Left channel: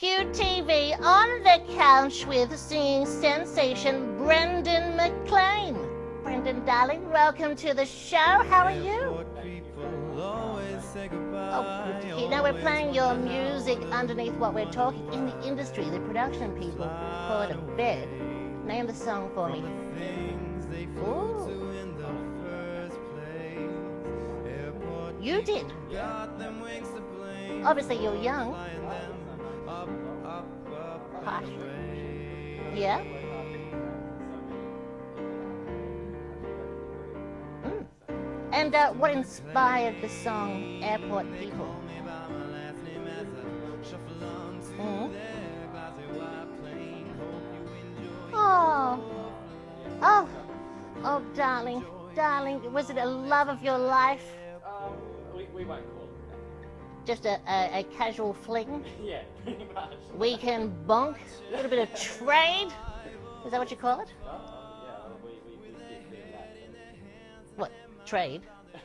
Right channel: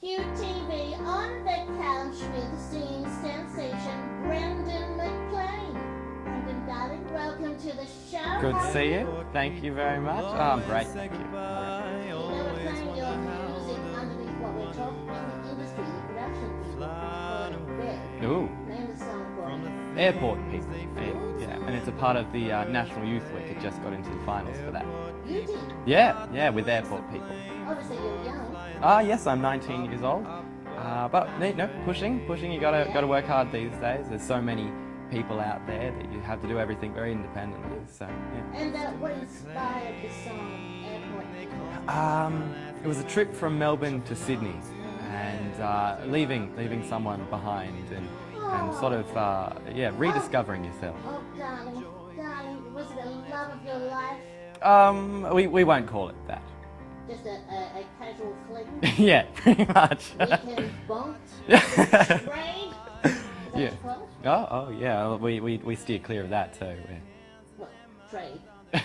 QTV on the couch with singing sensation Brendan McLean. Brendan, darling, welcome to the show. Good How to are see you? you. Thank you very much. Oh, great. You know, we're playing your music underneath what we're talking in the industry. The production people call it a bed. Ooh. Name the song for me. Airport People. Ooh. Yeah, and it's a part of the National Youth League. It just got into the finals for that. You did? Yeah, with Airport People. Obviously, you're young. Yes, I'm 19 years old. But no, pushing. You gotta work hard these days. There's so many people out there that you have to do everything very independently. So, yeah. And what inspired the song Airport People? It was a trip from Melbourne to Sydney, and leaving someone behind, and sort of rediscovering yourself. Oh, darling, was it a love of your life? We won't call it that. Just a casual fling? Yeah, pretty much. Weekend bonk? A little bit of trade? Is that what you call it? Oh yeah, we steer clear of that too. What, trade?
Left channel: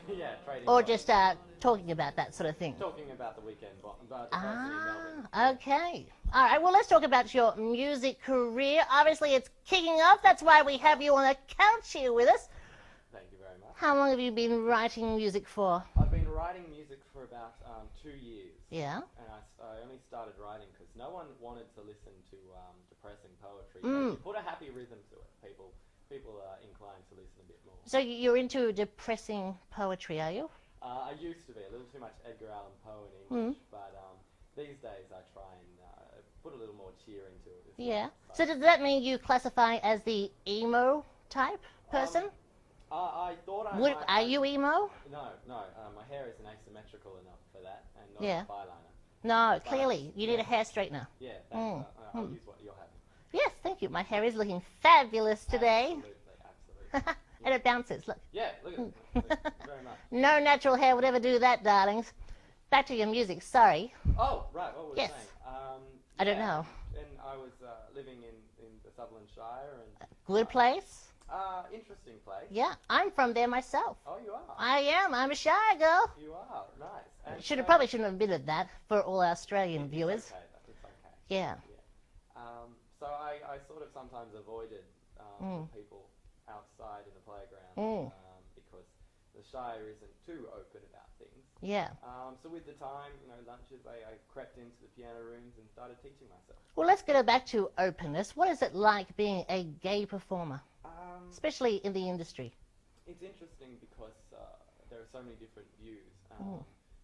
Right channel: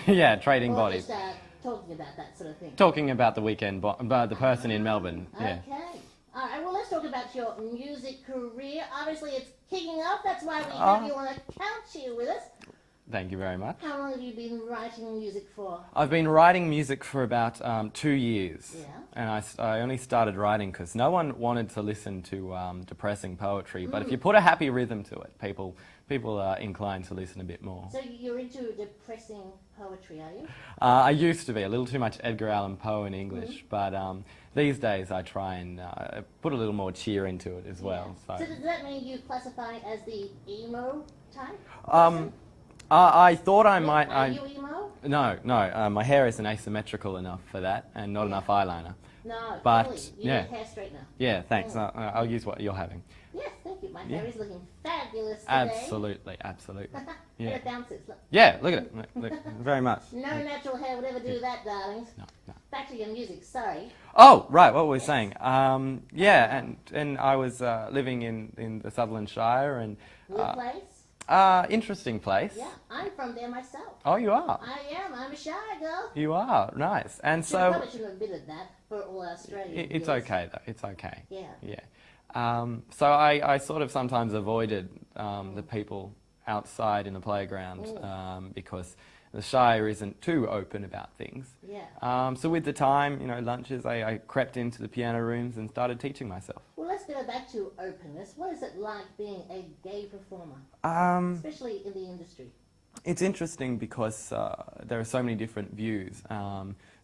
Yeah, trading or bodies. Or just talking about that sort of thing? Talking about the weekend, about the person in Melbourne. Okay. Yeah. All right, well, let's talk about your music career. Obviously, it's kicking off. That's why we have you on the couch here with us. Thank you very much. How long have you been writing music for? I've been writing music for about 2 years. Yeah. And I only started writing because no one wanted to listen to depressing poetry. But if you put a happy rhythm to it, people are inclined to listen a bit more. So you're into depressing poetry, are you? I used to be a little too much Edgar Allan Poe in English, but these days I try and put a little more cheer into it as well. So does that mean you classify as the emo type person? I thought I might. Are you emo? No. My hair isn't asymmetrical enough for that, and not enough eyeliner. No, But, clearly. You need a hair straightener. Yeah, thanks. I'll use what you're having. Yes, thank you. My hair is looking fabulous today. Absolutely. And it bounces, look. Yeah, look at it. Look, very much. No natural hair would ever do that, darlings. No. Back to your music, sorry. Oh, right, what were we saying? Yes. And I was living in the Sutherland Shire. And Blue place? interesting place. Yeah, I'm from there myself. Oh, you are? I am. I'm a shy girl. You are, nice. And Probably shouldn't have admitted that for all Australian viewers. It's okay, though. It's okay. Yeah. So I sort of sometimes avoided the people outside in the playground because the Shire isn't too open about things. Yeah. So with the time, lunches, I crept into the piano rooms and started teaching myself. Well, let's get back to openness. What is it like being a gay performer, especially in the industry? It's interesting because there are so many different views.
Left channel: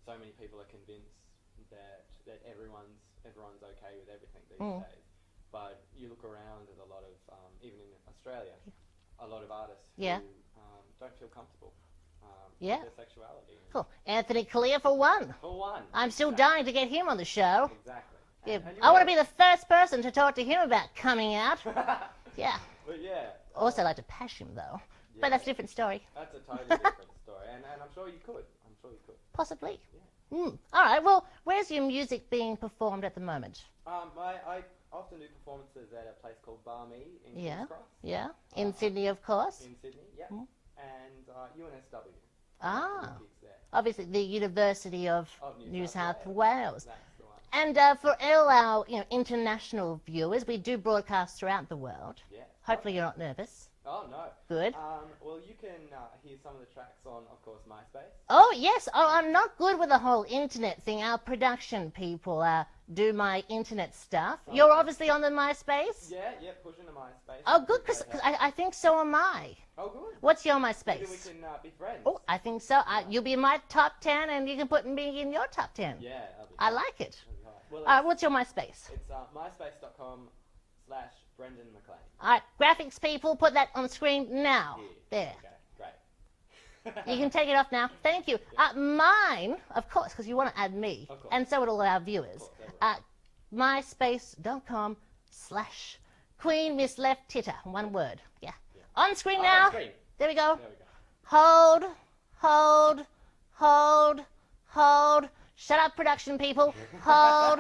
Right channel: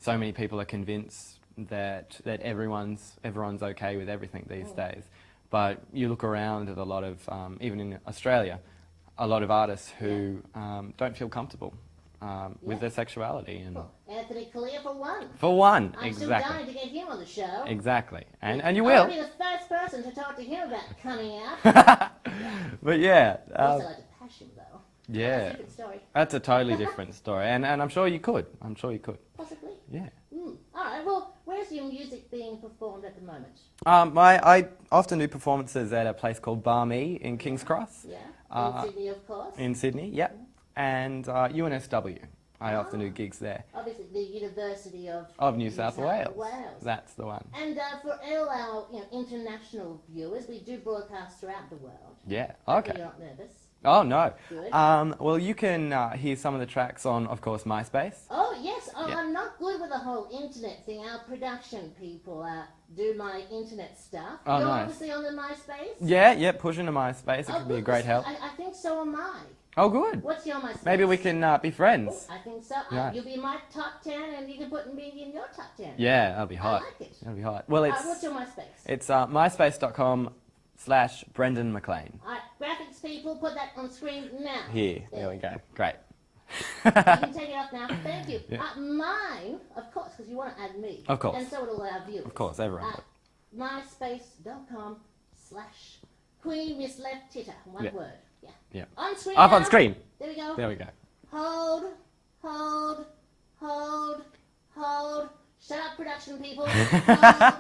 So many people are convinced that everyone's okay with everything these days. But you look around at a lot of, even in Australia, a lot of artists who don't feel comfortable with their sexuality. And cool. Anthony Kalia for one. For one. I'm still dying to get him on the show. Exactly. And you will. I want to be the first person to talk to him about coming out. Yeah. But yeah. Also like to pash him though. Yeah. But that's a different story. That's a totally different story. And I'm sure you could. Possibly. Yeah. All right, well, where's your music being performed at the moment? I often do performances at a place called Bar Me in King's Cross. Yeah. In Sydney, of course. In Sydney, yeah. And UNSW. I often do gigs there. Obviously, the University of New South Wales. That's the one. And for all our international viewers, we do broadcast throughout the world. Yeah. Hopefully you're not nervous. Oh, no. Good. Well, you can hear some of the tracks on, of course, MySpace. Oh, yes. Oh, yeah. I'm not good with the whole internet thing. Our production people do my internet stuff. Oh, You're nice. Obviously on the MySpace? Yeah, push into MySpace. Oh, it would be a great help. I think so am I. Oh, good. What's your MySpace? Maybe we can be friends. Oh, I think so. Right. You'll be in my top 10 and you can put me in your top 10. Yeah, that'll be hot. I like it. That'll be hot. Well, what's your MySpace? It's myspace.com/Brendan McLean. All right, graphics people, put that on the screen now. Here, there we go. Great. You can take it off now. Thank you. Yeah. Mine, of course, because you want to add me. Of course. And so would all our viewers. Of course, everyone. myspace.com/Queen Miss Left Titter. One word. Yeah. On screen Up now. on screen. There we go. There we go. Hold. Shut up, production people. Hold.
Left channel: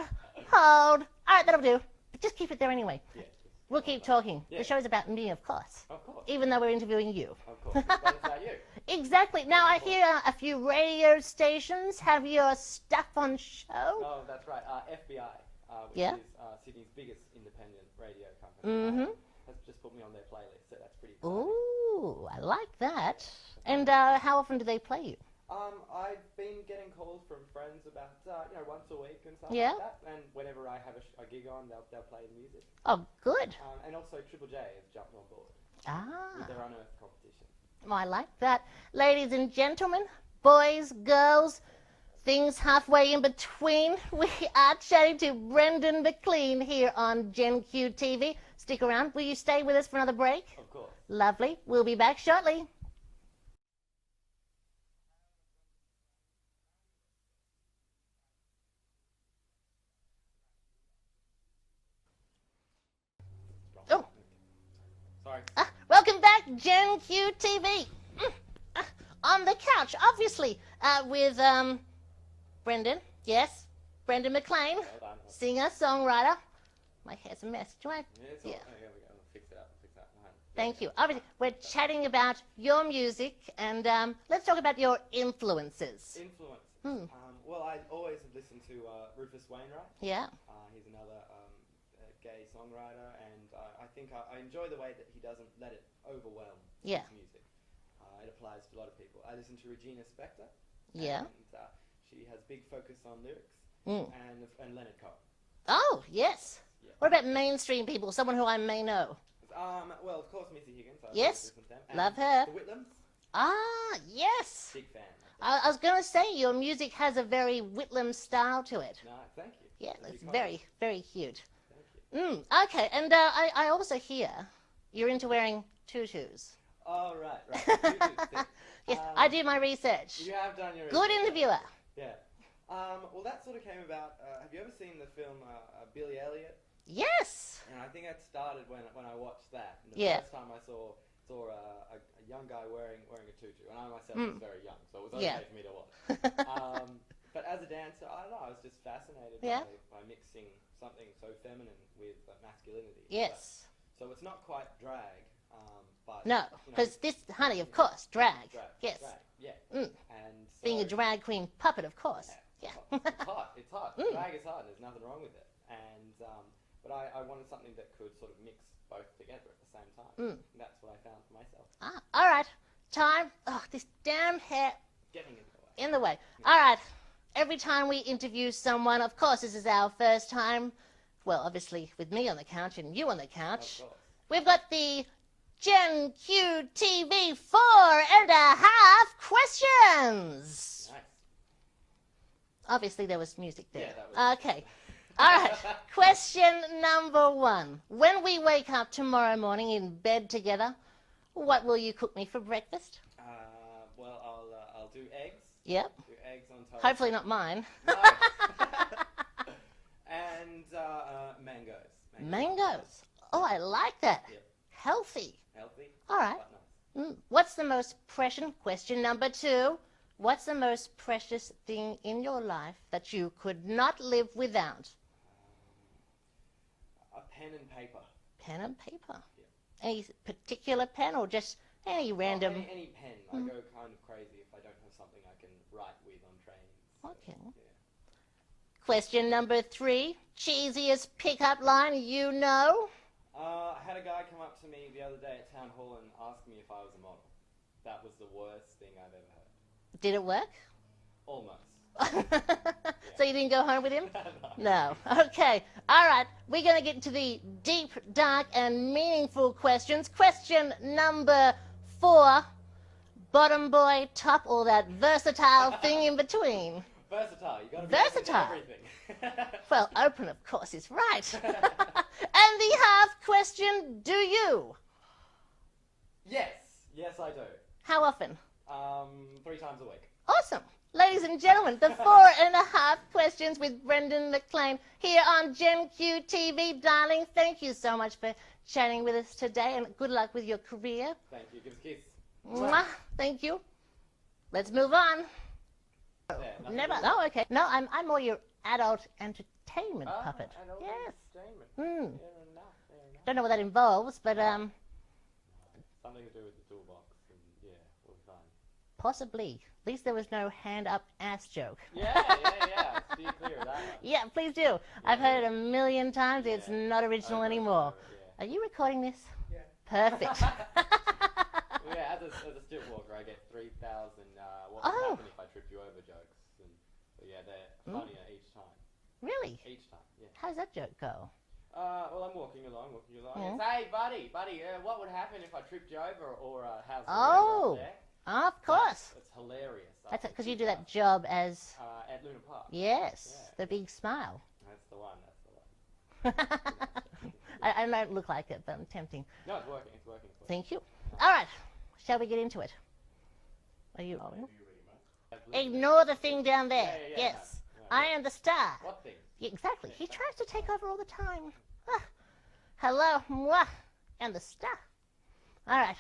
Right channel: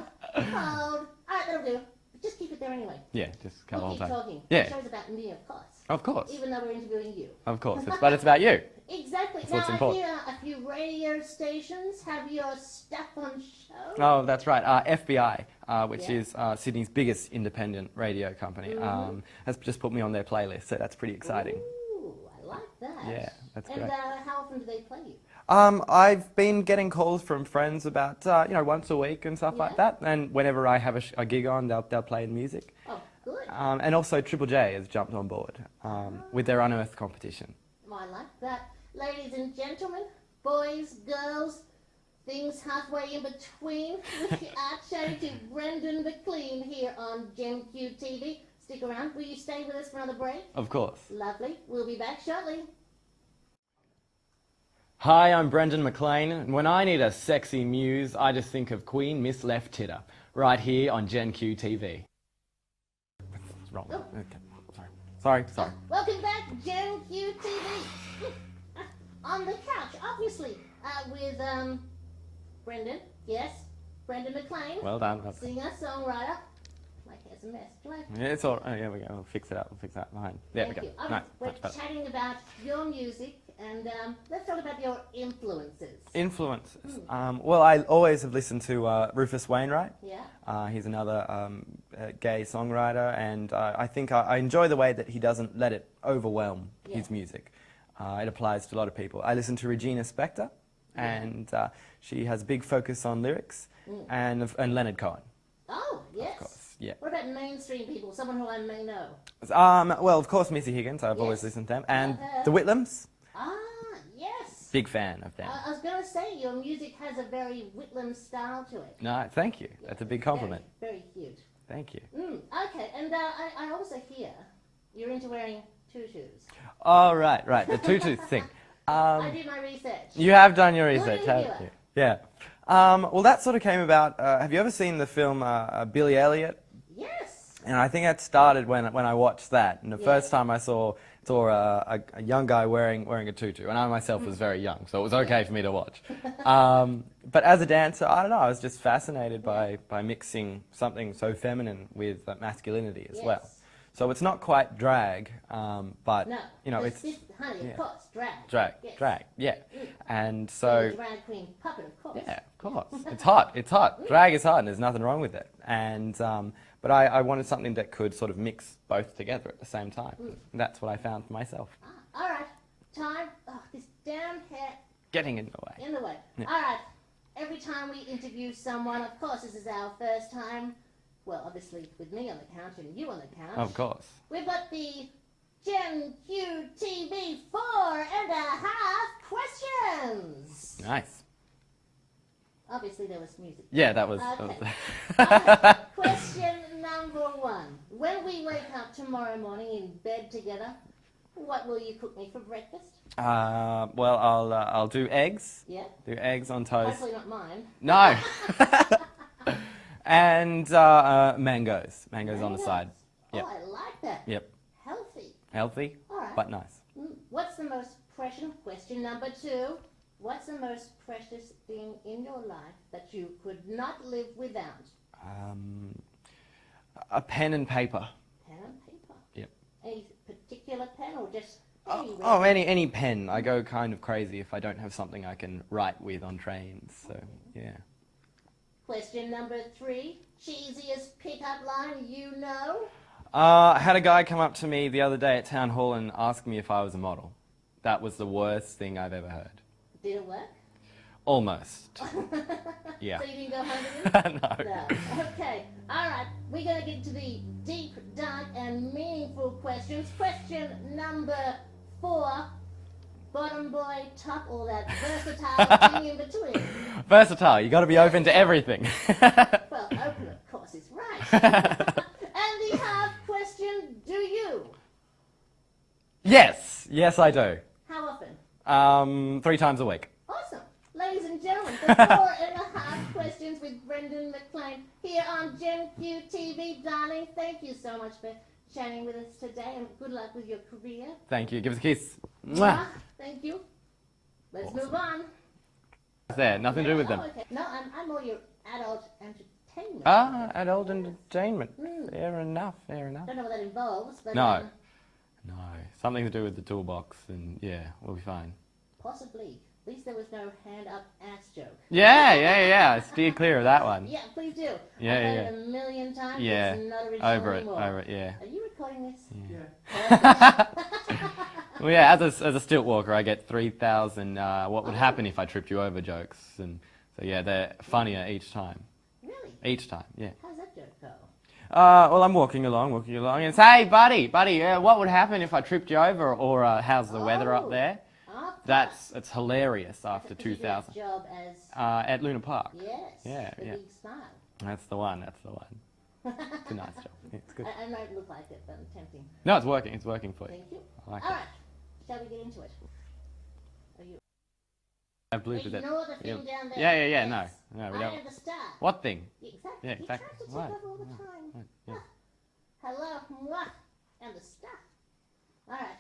All right, that'll do. But just keep it there anyway. Yeah, just We'll keep talking. Yeah. The show's about me, of course. Of course. Even though we're interviewing you. Of course. But it's about you. Exactly. That's now, what's I important. hear a few radio stations have your stuff on show. Oh, that's right. FBI. which Yeah. is Sydney's biggest independent radio company, has just put me on their playlist, so that's pretty exciting. Ooh, I like that. Yeah, that's and great. how often do they play you? I've been getting calls from friends about, once a week and stuff Yeah. like that. And whenever I have a gig on, they'll play music. Oh, good. And also Triple J has jumped on board with their Unearthed competition. I like that. Ladies and gentlemen, boys, girls, things halfway in between, we are chatting to Brendan McLean here on Gen Q TV. Stick around. Will you stay with us for another break? Of course. Lovely. We'll be back shortly. Hi, I'm Brendan McLean, and when I need a sexy muse, I just think of Queen Miss Left Titter, right here on Gen Q TV. What's wrong? Oh. Okay. Sorry. Welcome back, Gen Q TV. On the couch, obviously, with Brendan. Yes, Brendan McLean. Well done. Singer, songwriter. My hair's a mess. Do I? Yeah, it's all. Oh, yeah, we go. We'll fix it up. We'll fix that behind. There Thank we you. go. Obviously, we're chatting about your music, and let's talk about your influences. Influences. Well, I always have listened to Rufus Wainwright. Yeah. He's another gay songwriter, and I think I enjoy the way that he doesn't let it overwhelm his music. It applies to a lot of people. I listen to Regina Spektor, and she has a big focus on lyrics, and Leonard Cohen. Oh, yes. Yeah. What about mainstream people, someone who I may know? Well, of course, Missy Higgins. I've always listened to them. And Love her. the Whitlams. Ah, yes. Big fan of them. I was going to say, your music has a very Whitlam style to it. No, thank you. Yeah, That's a big it's compliment. Very, very cute. Thank you. Okay, and I also hear you're into wearing tutus. Oh, right. The tutus thing. Yes, I did my research. You have done your Good research, haven't interviewer. you? Yeah. Well, that sort of came about. Have you ever seen the film Billy Elliot? Yes. And I think that started when I watched that. And the Yeah. first time I saw a young guy wearing a tutu, and I myself was very young, so it was okay for me to watch. But as a dancer, I don't know, I was just fascinated by mixing something so feminine with masculinity as well. So it's not quite drag, but No, you know, because it's this, honey, of course, drag. drag, Yes. drag, yeah. And so Being a drag queen puppet, of course. yeah, of course. It's hot. It's hot. Drag is hot, and there's nothing wrong with it. And but I wanted something that could sort of mix both together at the same time. And that's what I found for myself. Ah, all right, time. Oh, this damn hair Getting in the way. in the way. All right, every time we interview someone, of course, this is our first time. Well, obviously, with me on the couch and you on the couch. Of course. We've got the Gen Q TV 4.5 questions. Nice. Obviously, there was music. Yeah, that was. Okay. All right. Question number 1. When we wake up tomorrow morning in bed together, what will you cook me for breakfast? Well, I'll do eggs. Yep. Do eggs on toast. Hopefully not mine. No. And mangoes. Mangoes on the side. Oh, Yep. I like that. Yep. Healthy. Healthy. All right. But nice. What's the most precious, question number 2, what's the most precious thing in your life that you could not live without? A pen and paper. Pen and paper. Yep. Any particular pen or just any Oh, random? any pen. I go kind of crazy if I don't have something I can write with on trains. So, yeah. Question number 3, cheesiest pickup line you know? I had a guy come up to me the other day at town hall and ask me if I was a model. That was the worst thing I've ever heard. Did it work? Almost. Yeah. So you didn't go home with him? No. No. Okay. All right. We're going to get to the deep, dark, and meaningful questions. Question number 4. Bottom boy, top, or that versatile thing in between? Versatile. You got to be open to Versatile. everything. Well, open, of course, is right. And the half question, do you? Yes. Yes, I do. How often? 3 times a week. Awesome. Ladies and gentlemen, the 4.5 questions with Brendan McLean here on Gen Q TV. Darling, thank you so much for chatting with us today, and good luck with your career. Thank you. Give us a kiss. Mwah. Thank you. Let's move on. There. Nothing to do with them. Oh, okay. No, I'm more your adult entertainment. Ah, puppet. adult entertainment. Fair enough. Fair enough. Don't know what that involves, but No. No. Something to do with the toolbox, and yeah, we'll be fine. possibly. At least there was no hand up ass joke. Yeah. Steer clear of that one. Yeah, please do. Yeah, I've heard yeah. it a million times. Yeah. It's not original anymore. Over it, yeah. Are you recording this? Yeah. Perfect. Well, yeah, as a stilt walker, I get 3,000 what would happen if I tripped you over jokes. And so, yeah, they're funnier each time. Really? Each time, yeah. How does that joke go? Well, I'm walking along, and say, hey, buddy, what would happen if I tripped you over? Or how's the weather up there? Of course. It's hilarious after Because you do 2000. that job as... At Luna Park. yes, Yeah, the yeah. big smile. That's the one. It's a nice job. Yeah, it's good. I might look like it, but I'm tempting. No, it's working. It's working for you. Thank you. I like All it. right. Shall we get into it? Are you... I believe it. Ignore the thing down there. Yeah, Yes. no, we I don't- am the star. What thing? Yeah, exactly. Yeah, He exactly. tries to take Right. over all the time. Right. Ah. Hello, mwah, and the star. All right.